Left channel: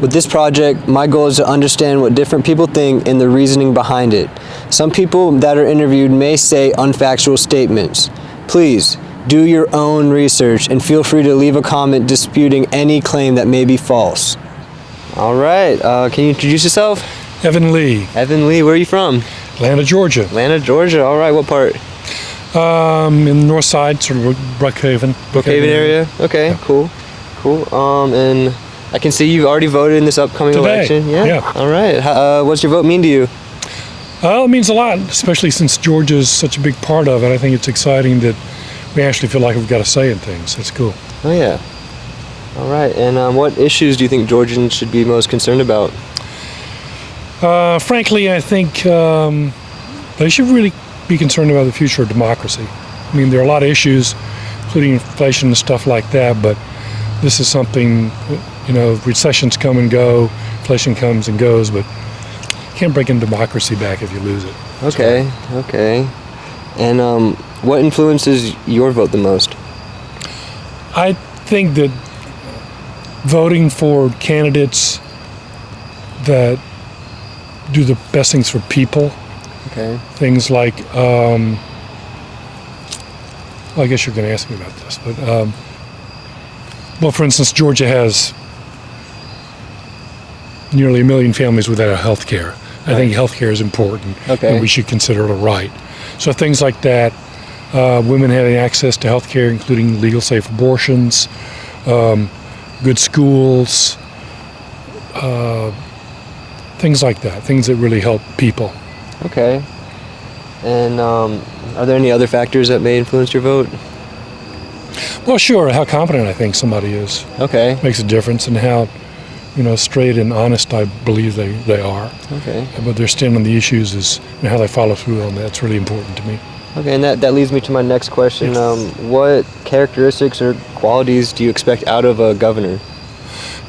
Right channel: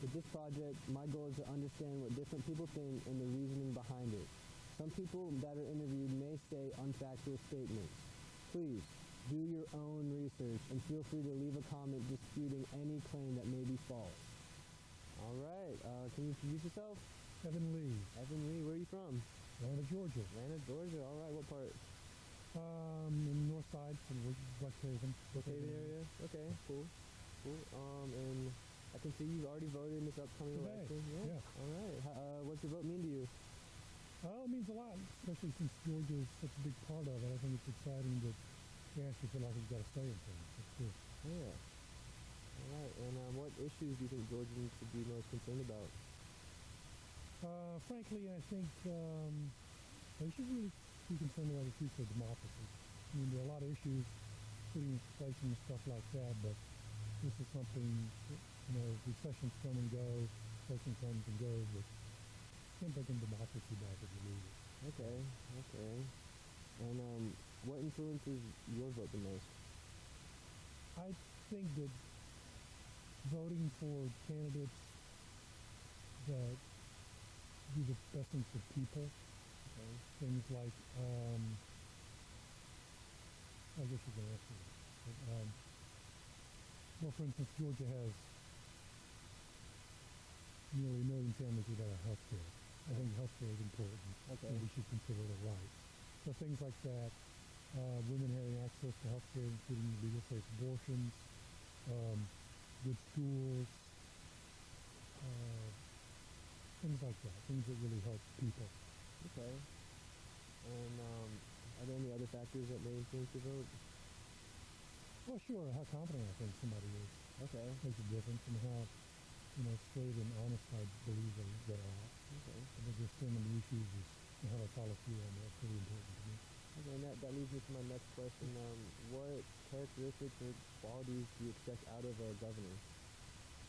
With this project, my goal is to understand what different people think and the reasoning behind it. Some people that are interviewed may say unfactual statements. Please, do your own research and feel free to leave a comment disputing any claim that may be false. All right, can you introduce yourself? Evan Lee. Evan Lee, where are you from? Atlanta, Georgia. Atlanta, Georgia, all right, what part? In the north side, sort of Brookhaven. Brookhaven area? Okay, yeah. Cool. And I can see you've already voted in this upcoming election. Yeah. All right, what's your vote mean to you? It means a lot, especially since Georgia is such a big part of it. I think it's exciting that we actually feel like we've got a say in things. That's cool. Oh, yeah. All right, and what issues do you think Georgians should be most concerned about? Frankly, I think they should really be concerned about the future of democracy. I mean, there are a lot of issues, including inflation and stuff like that, but this is something, recessions come and go, inflation comes and goes, but you can't break in democracy back if you lose it. Okay. And what influences your vote the most? I think that voting for candidates that do the best things for people. Okay. Things like, I guess you're going to ask me about this, but, for instance, Georgia has nearly 1 million families without health care. I think health care is important, and we should consider it a right. So things like that, women having access to health care, including legal, safe abortions, good schools, things like that, things that really help people. Okay. And are there any other factors that may influence your vote? Well, sure. How competent I think somebody is. Okay. Makes a difference, and how, straight and honest I believe they are. Okay. But their stand on the issues is how they follow through on that. It's really important to me. Okay, and that leads me to my next question. What characteristics or qualities do you expect out of a governor?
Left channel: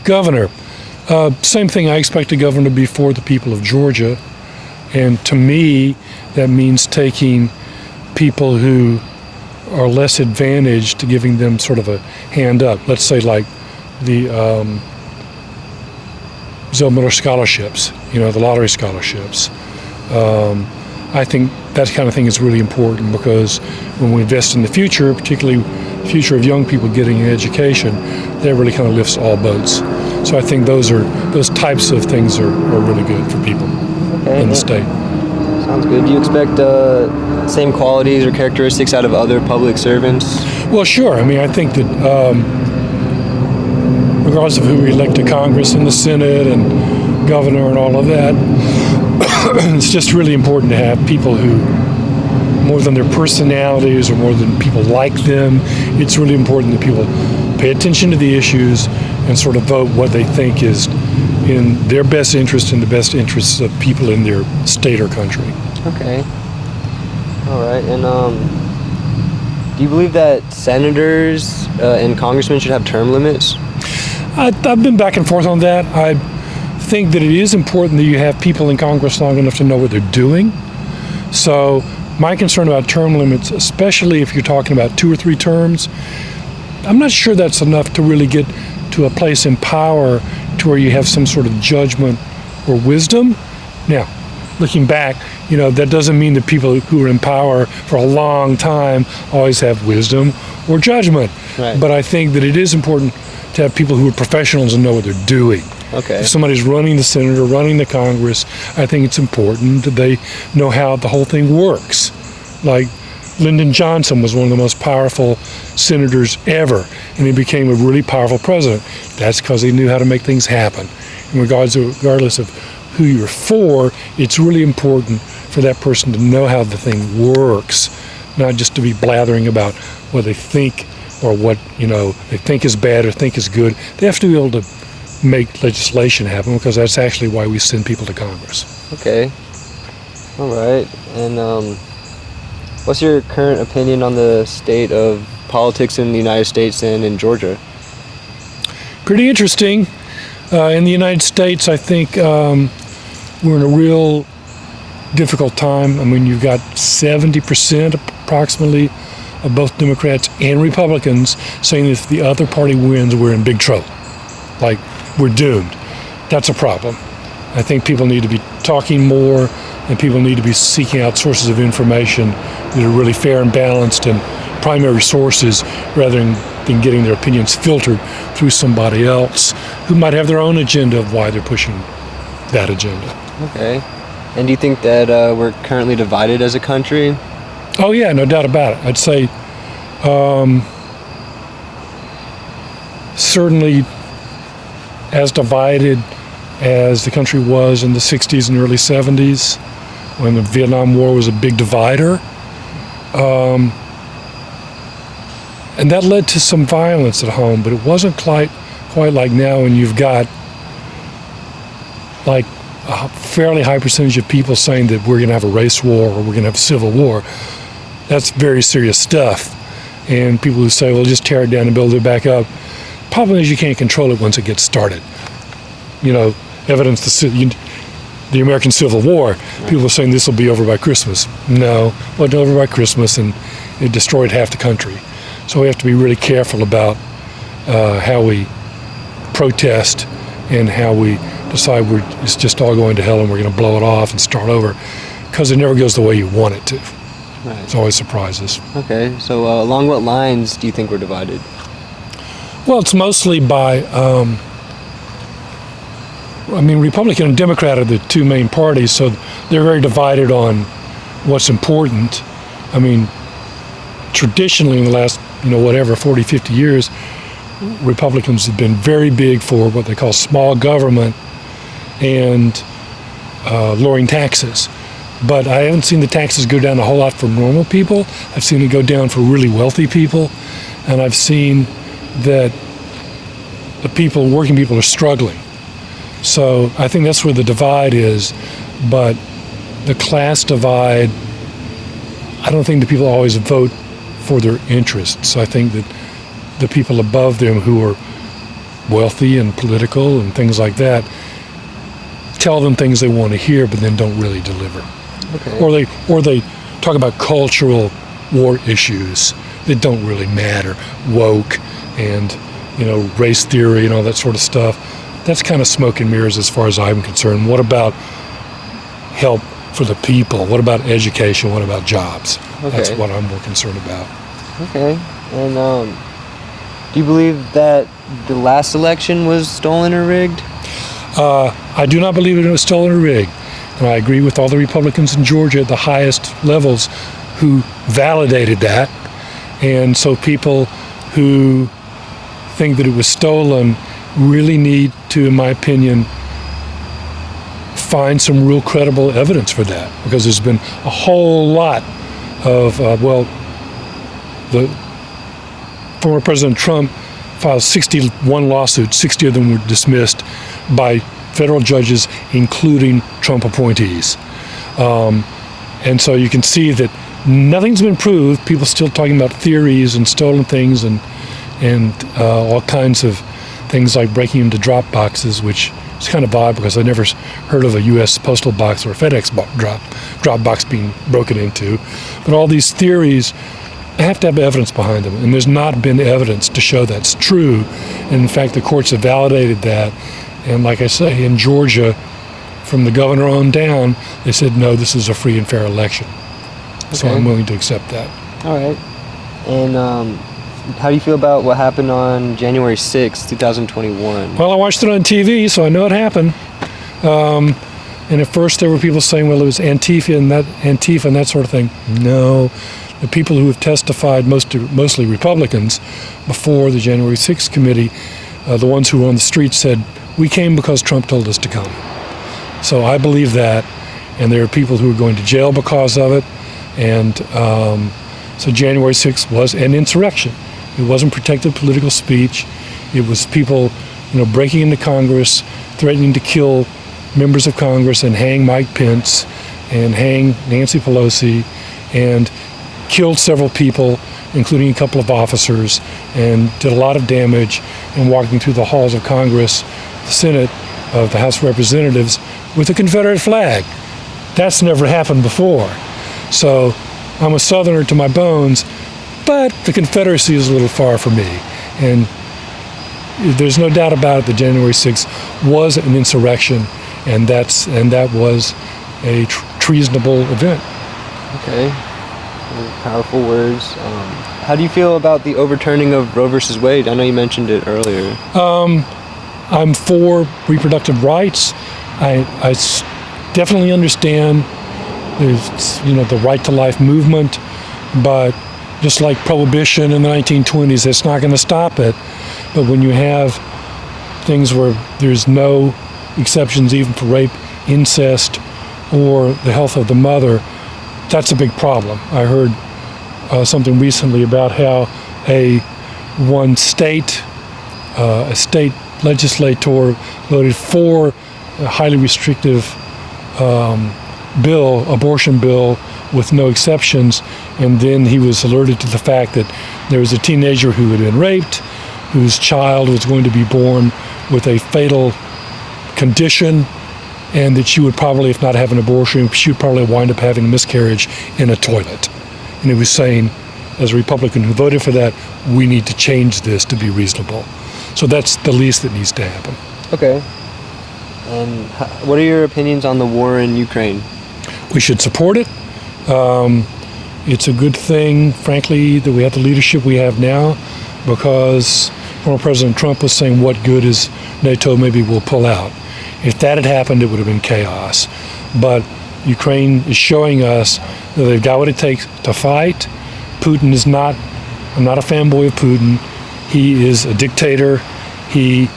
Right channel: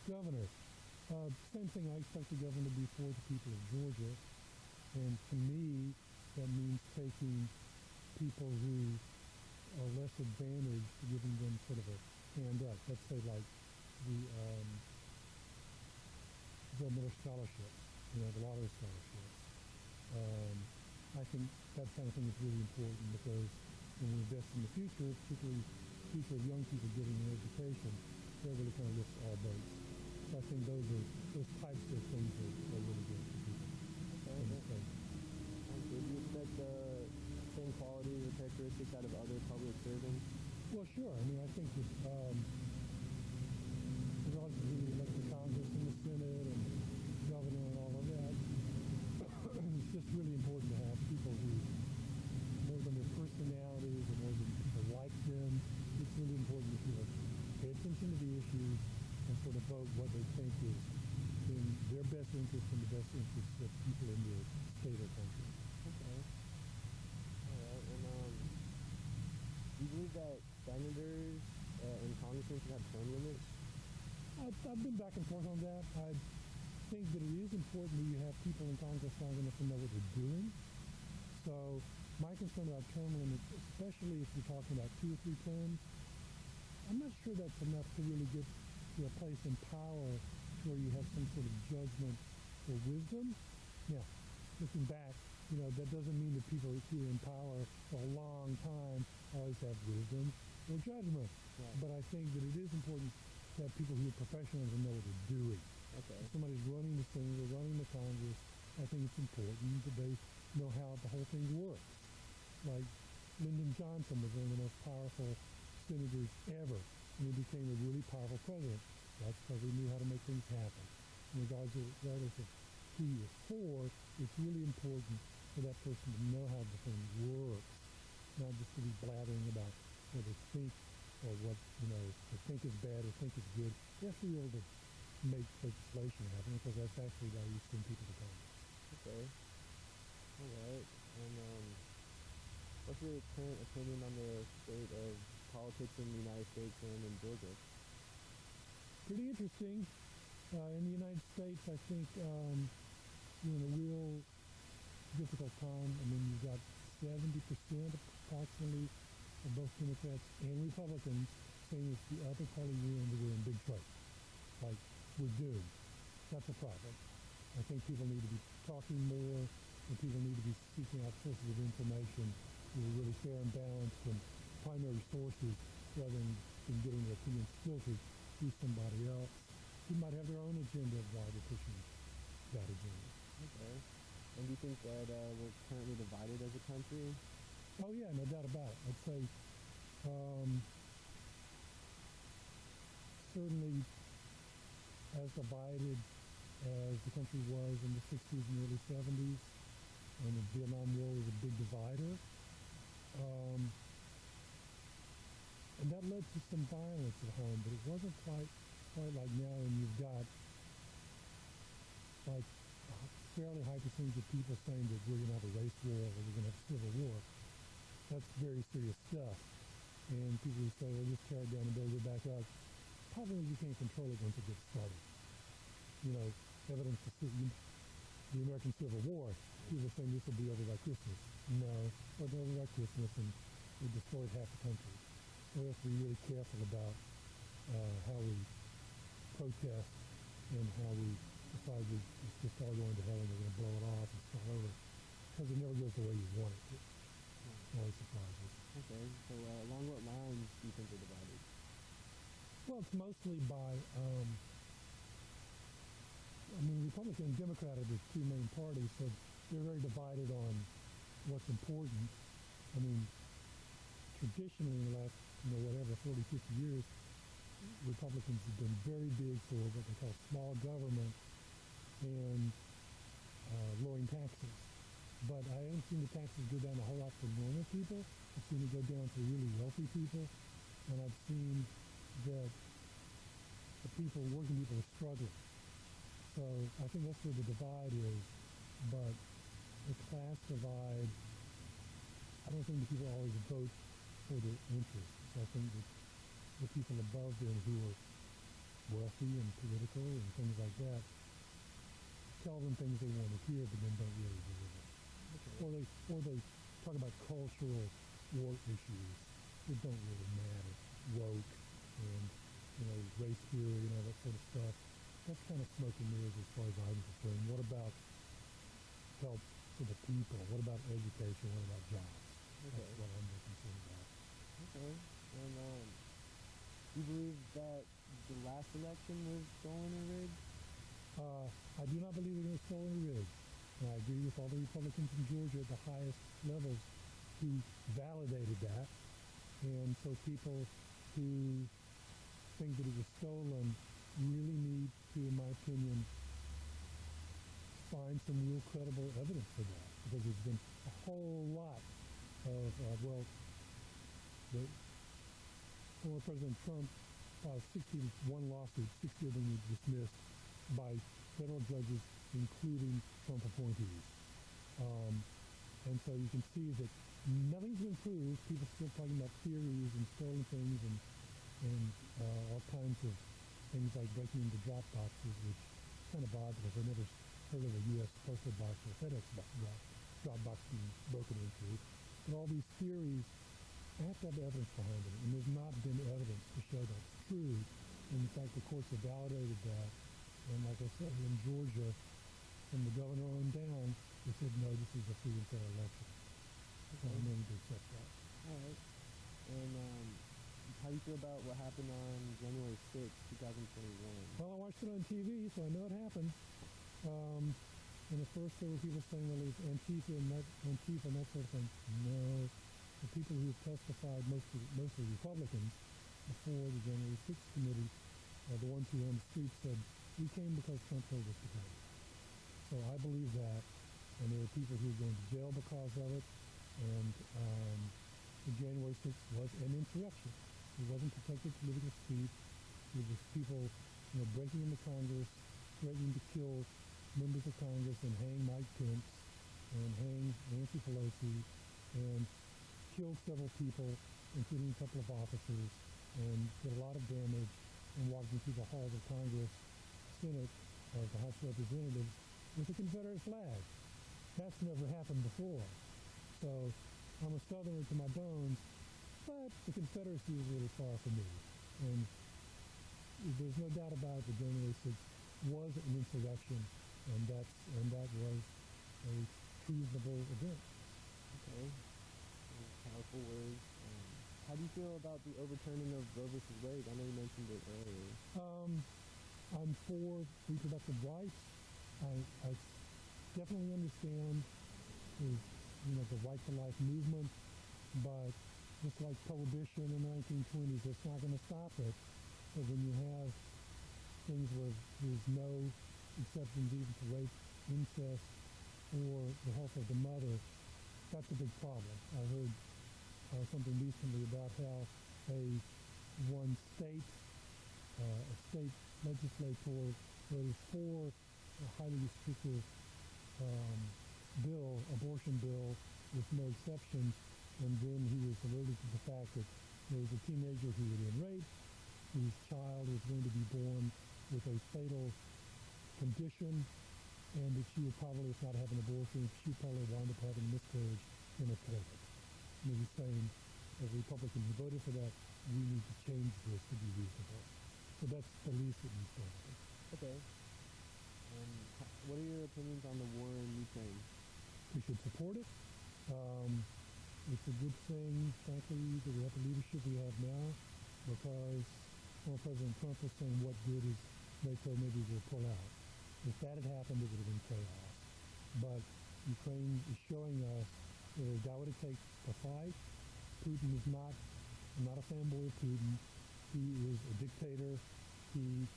Governor. Same thing. I expect a governor to be for the people of Georgia. And to me, that means taking people who are less advantaged to giving them sort of a hand up. Let's say like the Zell Miller scholarships, the lottery scholarships. I think that kind of thing is really important, because when we invest in the future, particularly the future of young people getting an education, that really kind of lifts all boats. So I think those types of things are really good for people in the state. Sounds good. Do you expect same qualities or characteristics out of other public servants? Well, sure. I mean, I think that regardless of who we elect to Congress and the Senate and governor and all of that, it's just really important to have people who, more than their personalities or more than people like them, it's really important that people pay attention to the issues and sort of vote what they think is in their best interest and the best interests of people in their state or country. Okay. All right. And do you believe that senators and congressmen should have term limits? I've been back and forth on that. I think that it is important that you have people in Congress long enough to know what they're doing. So my concern about term limits, especially if you're talking about 2 or 3 terms, I'm not sure that's enough to really get to a place in power to where you have some sort of judgment or wisdom. Now, looking back, that doesn't mean that people who are in power for a long time always have wisdom or judgment. Right. But I think that it is important to have people who are professionals and know what they're doing. Okay. If somebody's running the Senate or running the Congress, I think it's important that they know how the whole thing works. Like Lyndon Johnson was one of the most powerful senators ever, and he became a really powerful president. That's because he knew how to make things happen. Regardless of who you're for, it's really important for that person to know how the thing works, not just to be blathering about what they think or what they think is bad or think is good. They have to be able to make legislation happen, because that's actually why we send people to Congress. Okay. All right. And what's your current opinion on the state of politics in the United States and in Georgia? Pretty interesting. In the United States, I think we're in a real difficult time. I mean, you've got 70% approximately of both Democrats and Republicans saying that if the other party wins, we're in big trouble. Like, we're doomed. that's a problem. I think people need to be talking more, and people need to be seeking out sources of information that are really fair and balanced and primary sources, rather than getting their opinions filtered through somebody else who might have their own agenda of why they're pushing that agenda. Okay. And do you think that we're currently divided as a country? Oh yeah, no doubt about it. I'd say certainly as divided as the country was in the 60s and early 70s, when the Vietnam War was a big divider. And that led to some violence at home, but it wasn't quite like now when you've got like a fairly high percentage of people saying that we're going to have a race war or we're going to have a civil war. That's very serious stuff. And people who say, well, just tear it down and build it back up. Problem is you can't control it once it gets started. You know, evidence the American Civil War, people are saying this will be over by Christmas. No, it wasn't over by Christmas, and it destroyed half the country. So we have to be really careful about how we protest and how we decide it's just all going to hell and we're going to blow it off and start over, because it never goes the way you want it to. Right. It's always surprises. Okay, so along what lines do you think we're divided? Well, it's mostly by, Republican and Democrat are the two main parties, so they're very divided on what's important. I mean, traditionally in the last, 40, 50 years, Republicans have been very big for what they call small government and lowering taxes. But I haven't seen the taxes go down a whole lot for normal people. I've seen it go down for really wealthy people. And I've seen that the working people are struggling. So I think that's where the divide is. But the class divide, I don't think the people always vote for their interests. I think that the people above them who are wealthy and political and things like that tell them things they want to hear, but then don't really deliver. Okay. Or they talk about cultural war issues that don't really matter, woke and race theory and all that sort of stuff. That's kind of smoke and mirrors as far as I'm concerned. What about help for the people? What about education? What about jobs? Okay. That's what I'm more concerned about. Okay. And do you believe that the last election was stolen or rigged? I do not believe it was stolen or rigged. And I agree with all the Republicans in Georgia at the highest levels who validated that. And so people who think that it was stolen really need to, in my opinion, find some real credible evidence for that, because there's been a whole lot of, the former President Trump filed 61 lawsuits, 60 of them were dismissed by federal judges, including Trump appointees. And so you can see that nothing's been proved. People still talking about theories and stolen things and all kinds of things like breaking into drop boxes, which is kind of odd because I never heard of a U.S. postal box or a FedEx drop box being broken into. But all these theories have to have evidence behind them, and there's not been evidence to show that's true. And in fact, the courts have validated that. And like I say, in Georgia, from the governor on down, they said, no, this is a free and fair election. Okay. So I'm willing to accept that. All right. And how do you feel about what happened on January 6th, 2021? Well, I watched it on TV, so I know it happened. And at first there were people saying, well, it was Antifa and that sort of thing. No. The people who have testified, mostly Republicans, before the January 6th committee, the ones who were on the street said, we came because Trump told us to come. So I believe that, and there are people who are going to jail because of it. And so January 6th was an insurrection. It wasn't protected political speech. It was people, breaking into Congress, threatening to kill members of Congress and hang Mike Pence and hang Nancy Pelosi and killed several people, including a couple of officers, and did a lot of damage, and walking through the halls of Congress, the Senate, of the House of Representatives with a Confederate flag. That's never happened before. So I'm a Southerner to my bones, but the Confederacy is a little far from me. And there's no doubt about it that January 6th was an insurrection, and that was a treasonable event. Okay. Powerful words. How do you feel about the overturning of Roe versus Wade? I know you mentioned it earlier. I'm for reproductive rights. I definitely understand there's the right to life movement, but just like prohibition in the 1920s, it's not going to stop it. But when you have things where there's no exceptions even for rape, incest, or the health of the mother, that's a big problem. I heard something recently about how a state legislator voted for a highly restrictive abortion bill with no exceptions, and then he was alerted to the fact that there was a teenager who had been raped, whose child was going to be born with a fatal condition, and that she would probably, if not have an abortion, she would probably wind up having a miscarriage in a toilet. And he was saying, as a Republican who voted for that, we need to change this to be reasonable. So that's the least that needs to happen. Okay. And what are your opinions on the war in Ukraine? We should support it. It's a good thing, frankly, that we have the leadership we have now, because former President Trump was saying, what good is NATO, maybe we'll pull out. If that had happened, it would have been chaos. But Ukraine is showing us that they've got what it takes to fight. Putin is not, I'm not a fanboy of Putin. He is a dictator. He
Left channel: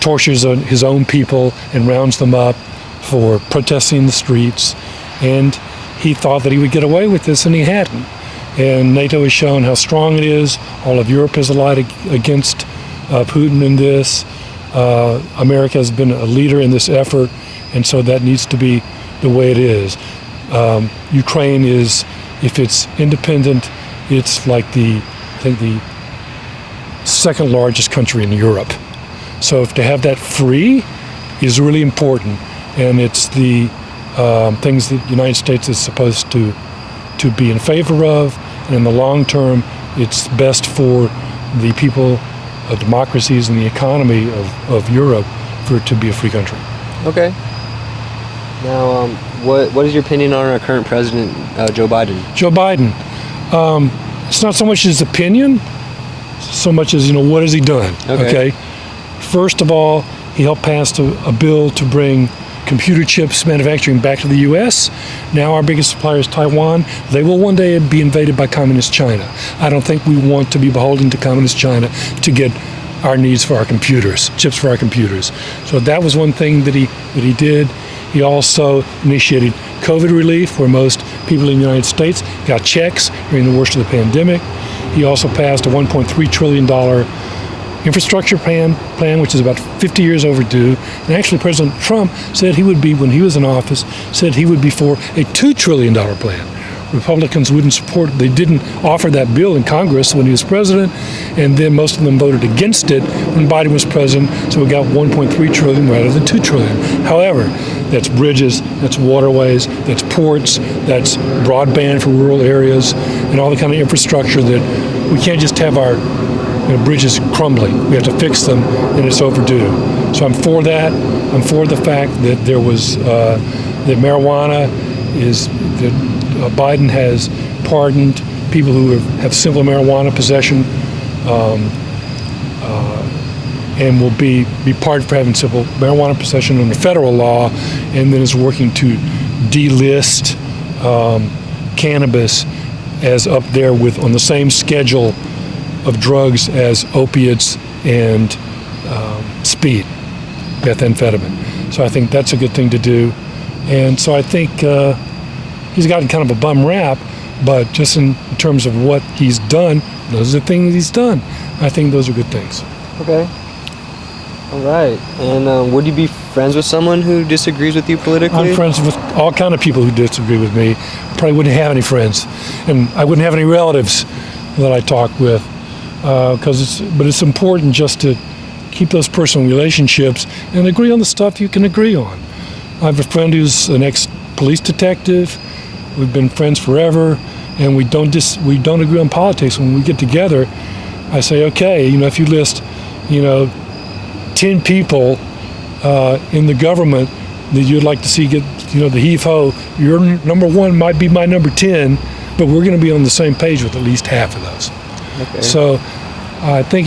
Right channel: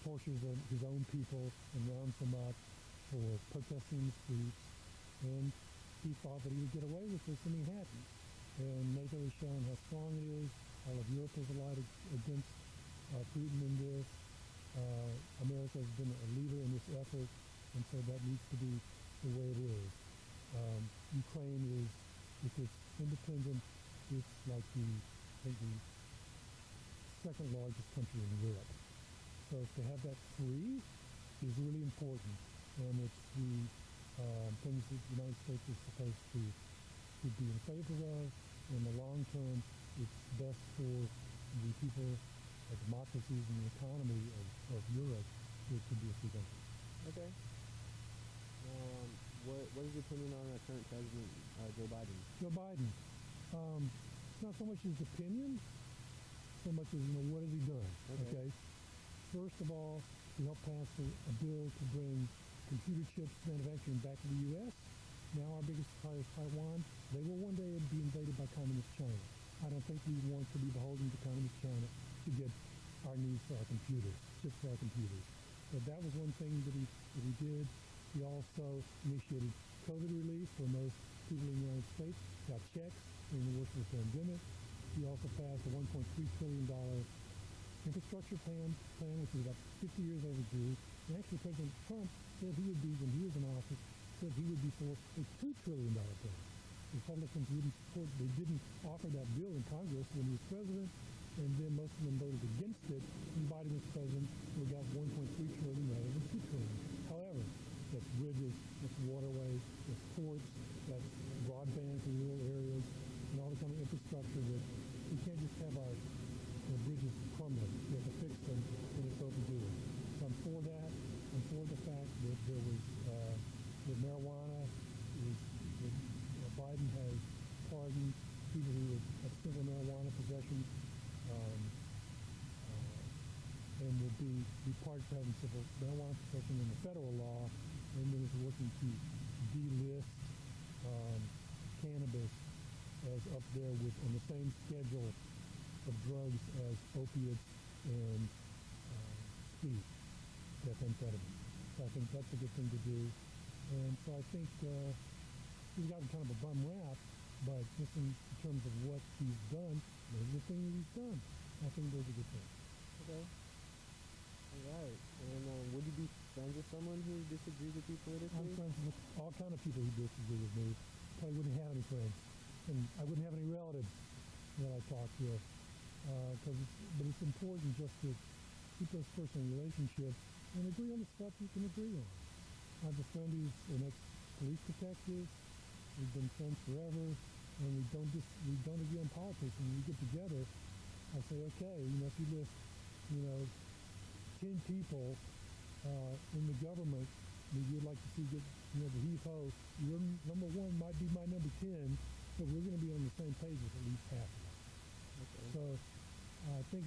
tortures his own people and rounds them up for protesting in the streets. And he thought that he would get away with this, and he hadn't. And NATO has shown how strong it is. All of Europe has allied against Putin in this. America has been a leader in this effort, and so that needs to be the way it is. Ukraine is, if it's independent, it's like the second largest country in Europe. So to have that free is really important, and it's the things that the United States is supposed to be in favor of, and in the long term, it's best for the people of democracies and the economy of Europe for it to be a free country. Okay. Now, what is your opinion on our current president, Joe Biden? Joe Biden. It's not so much his opinion, so much as, what has he done? Okay. First of all, he helped pass a bill to bring computer chips manufacturing back to the U.S. Now our biggest supplier is Taiwan. They will one day be invaded by communist China. I don't think we want to be beholden to communist China to get our needs for our computers, chips for our computers. So that was one thing that he did. He also initiated COVID relief, where most people in the United States got checks during the worst of the pandemic. He also passed a $1.3 trillion infrastructure plan, which is about 50 years overdue. And actually, President Trump said he would be, when he was in office, said he would be for a $2 trillion plan. Republicans wouldn't support, they didn't offer that bill in Congress when he was president, and then most of them voted against it when Biden was president, so we got 1.3 trillion rather than 2 trillion. However, that's bridges, that's waterways, that's ports, that's broadband for rural areas, and all the kind of infrastructure that we can't just have our bridges crumbling. We have to fix them, and it's overdue. So I'm for that. I'm for the fact that there was, that marijuana is, that Biden has pardoned people who have simple marijuana possession, and will be pardoned for having simple marijuana possession under federal law, and then is working to delist cannabis as up there with on the same schedule of drugs as opiates and speed, methamphetamine. So I think that's a good thing to do. And so I think he's gotten kind of a bum rap, but just in terms of what he's done, those are the things he's done. I think those are good things. Okay. All right. And would you be friends with someone who disagrees with you politically? I'm friends with all kind of people who disagree with me. Probably wouldn't have any friends, and I wouldn't have any relatives that I talk with. But it's important just to keep those personal relationships and agree on the stuff you can agree on. I have a friend who's an ex-police detective. We've been friends forever, and we don't agree on politics. When we get together, I say, okay, if you list, 10 people in the government that you'd like to see get, the heave-ho. Your number one might be my number 10, but we're going to be on the same page with at least half of those. Okay. So I think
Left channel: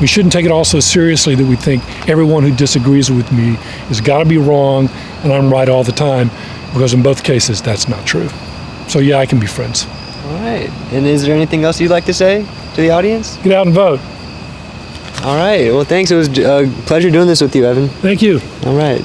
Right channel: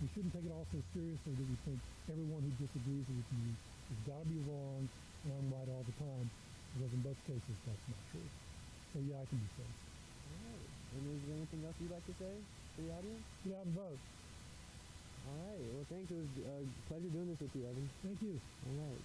we shouldn't take it all so seriously that we think everyone who disagrees with me has got to be wrong and I'm right all the time, because in both cases that's not true. So yeah, I can be friends. All right. And is there anything else you'd like to say to the audience? Get out and vote. All right. Well, thanks. It was a pleasure doing this with you, Evan. Thank you. All right.